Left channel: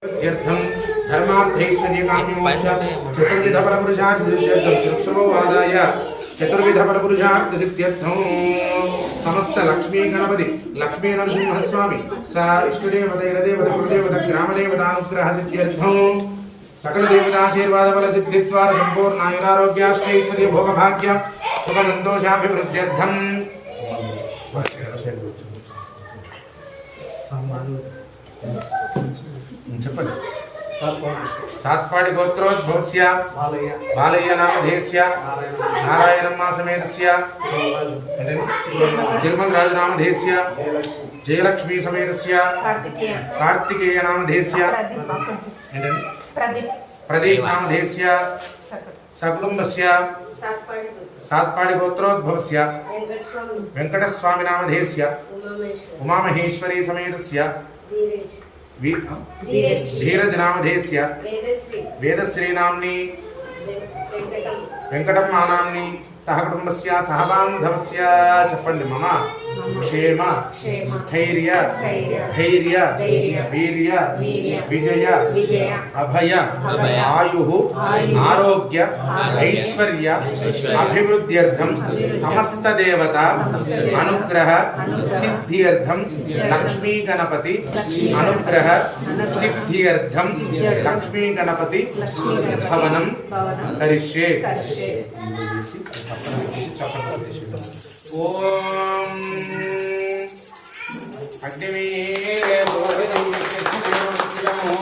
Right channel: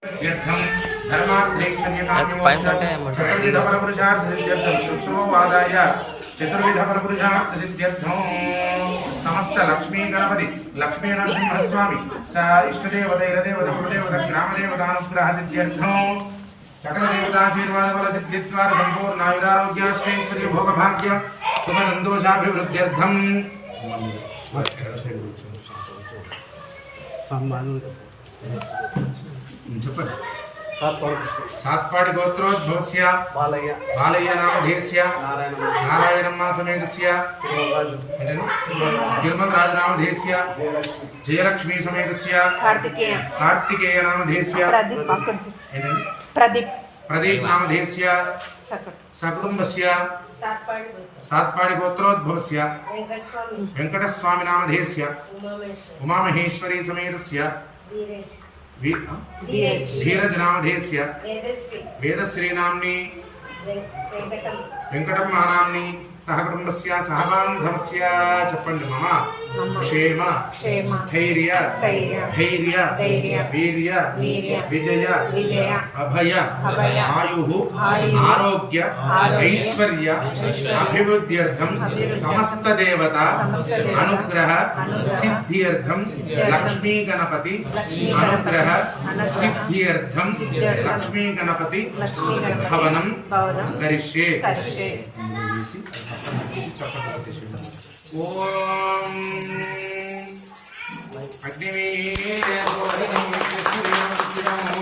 चतुर्विधपरपुरुषार्थवादाय चतुर्विधपरपुरुषार्थसिद्ध्यर्थं समस्त लक्ष्मी गणपति लक्ष्मी नरसिंहस्वामी सा इष्टदेवतैरदेवतकुलदेवतग्रामदेवतानुग्रहसिद्ध्यर्थं सकलदेवताशीर्वादबलसिद्धिद्वारा सम्पूर्णायुरारोग्याष्टैश्वर्यभोगभाग्य सुखसन्तोषाभिवृद्ध्यर्थम् साम्राज्य చెప్పండి. సాత్పాటి గోత్రోద్భవస్య బాలయ్య నామధేస్య నారాయణమ్మ సమేతస్య. తిరుమల రాజు నామధేస్య జయలక్ష్మి. జయలక్ష్మి సమేతస్య. కార్తికేయ. అక్కడి ఏంటండి ప్రదీప్ ప్రదీప్. నామధేస్య సకట్ సకుటుంబస్య. సాత్పాడు గోత్రోద్భవస్య వెంకటస్వామి. ఉమామేశ్వర ఉమామహేశ్వరి. సమేతస్య. ధీరేజ్ వి ధీరేజ్ సహకుటుంబస్య సహబాంధవస్య చెప్పండి మమ. క్షేమ స్థైర్య ధైర్య వీర్య విజయ అభయ ఆయు ఆరోగ్య ఐశ్వర్య అభివృద్ధ్యర్థం సమస్త దేవత అనుగ్రహ సిద్ధ్యర్థం లక్ష్మీ గణపతి అనుగ్రహ సిద్ధ్యర్థం లక్ష్మీ గణపతి భవనం కరిష్యే. కరిష్యే. ఓం అగ్నిమీలే గోవిందం విష్ణుదేవస్యము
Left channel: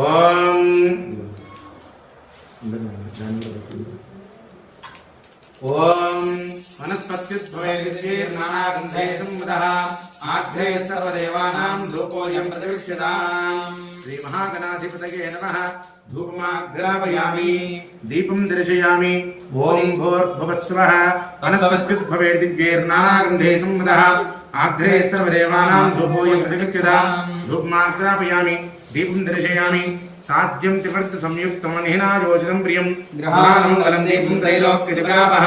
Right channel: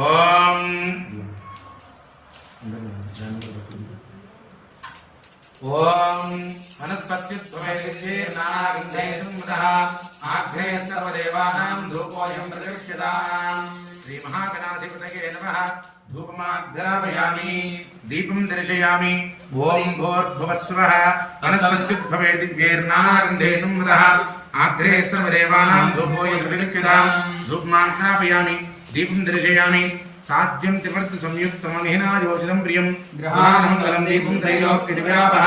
ఓం ఓం వనస్పత్యుద్భవేర్నానాగంధేషుముదః సర్వదేవానాం ధూపోయం ప్రతిష్ఠితాం ధూపమాగ్రాపయామి దీపం దర్శయామి. ఓం భూర్భువస్వః వనస్పత్యుద్భవేర్నానాగంధేషుముదః ఆగ్రే సర్వదేవానాం ధూపోయం ప్రతిష్ఠితాం ధూపమాగ్రాపయామి దీపం దర్శయామి. సాధ్యం త్రివర్త సంయుక్తం నిహినాయోజనం ప్రియం. గ్రహాణమంగళం దీపం త్రైలోక్యజవ్యాపః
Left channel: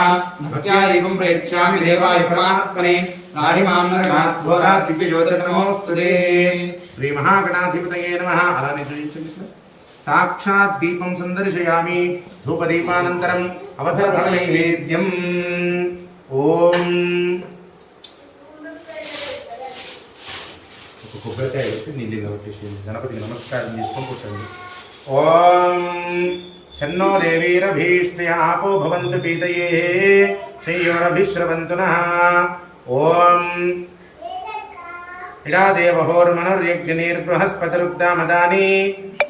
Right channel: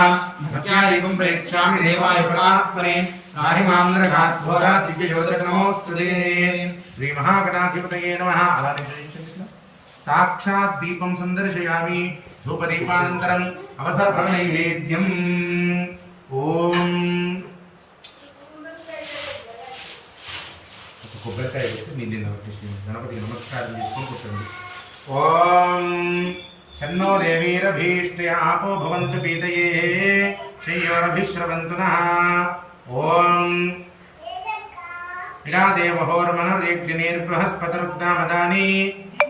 భక్త్యా దీపం ప్రయచ్ఛామి దేవాయ పరమాత్మనే. నాహి మాం నరకాద్ఘోరాత్ దివ్యజ్యోతిర్నమోస్తుతే శ్రీ మహాగణాధిపతయే సాక్షాత్ దీపం సందర్శయామి ధూపదీపానంతరం అవసర నైవేద్యం ఓం ఒక కొబ్బరికాయ పెట్టి నీళ్ళు నమస్కరించి గణపతి నమస్కారం చేసుకొని కూర్చోండి. ఓం సన్నో దేవీరభీష్ట్య ఆపో భవంతు పీతయే శయ్యోరభిశ్రవంతున ఓం ఇడా దేవహోర్మనుర్యజ్ఞనీర్బృహస్పతిరుద్దామదాని.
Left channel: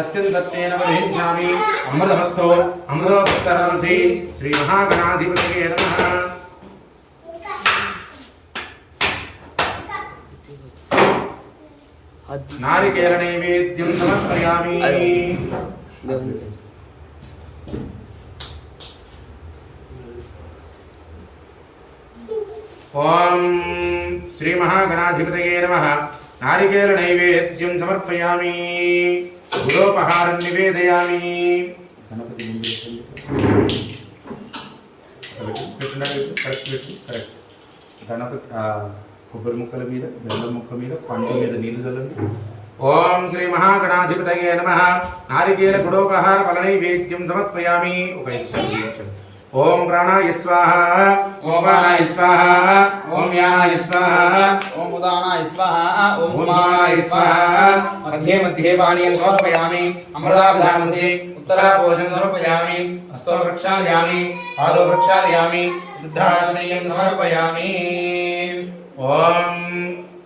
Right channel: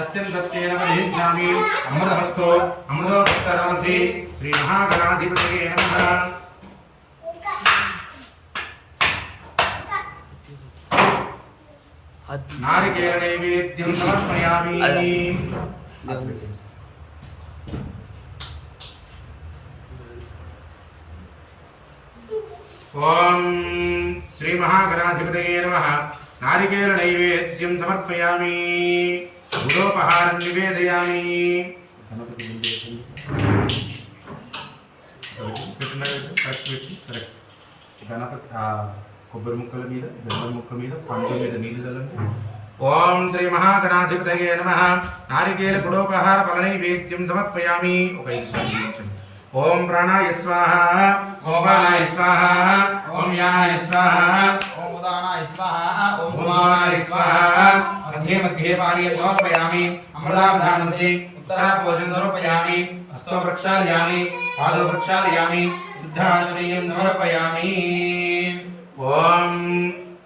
ప్రచోదయాత్ సత్యం సత్యేన వదిష్యామి అమృతమస్తు అమృతోపకరణమసి శ్రీ మహాగణాధిపతయే నమః నారికేల నైవేద్యం సమర్పయామి అదే. గుడోపహారం నివేదయామి. గణపతి కొబ్బరి ముక్కల మీద బెల్లం ముక్క మీద పండు మీద నీళ్ళు చల్లండి. ఓం శ్రీ మహాగణాధిపతయే నమ. నారికేల గుడోపహార ఫల నైవేద్యం సమర్పయామి. ఒక. ఓం ప్రాణాయ స్వాహ. ఓం ప్రాణాయ స్వాహ. ఓం యానాయ స్వాహ. ఓం ఉదానాయ స్వాహ. ఓం ఓం స్వాహాయ స్వాహ. మధ్యే మధ్యే పానీయం సమర్పయామి అమృతాభిధానసి ఉత్తరాపోషం సమర్పయామి హస్తో ప్రక్షాళయామి పాదో ప్రక్షాళయామి శుద్ధాచమనీయం సమర్పయామి ఓం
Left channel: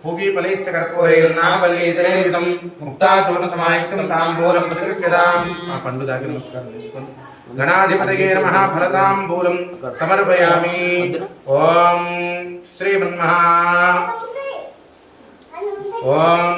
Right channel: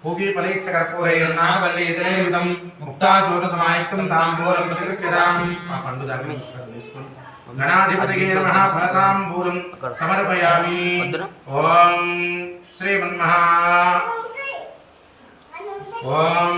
పూగీఫలైశ్చ కర్పూరైర్నావల్లీతరైర్యుతం ముక్తాచూర్ణ సమాయుక్తం తాంబూలం ప్రతిగృహ్యతాం ఆ పండు దాకా నమస్కారం చేసుకోండి గణాధిపతయే నమః ఫలతాంబూలం సమర్పయామి ఓం శ్రీమన్మహా ఓం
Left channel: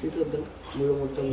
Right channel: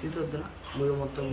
తీసొద్దా ముళ్ళు మొత్తం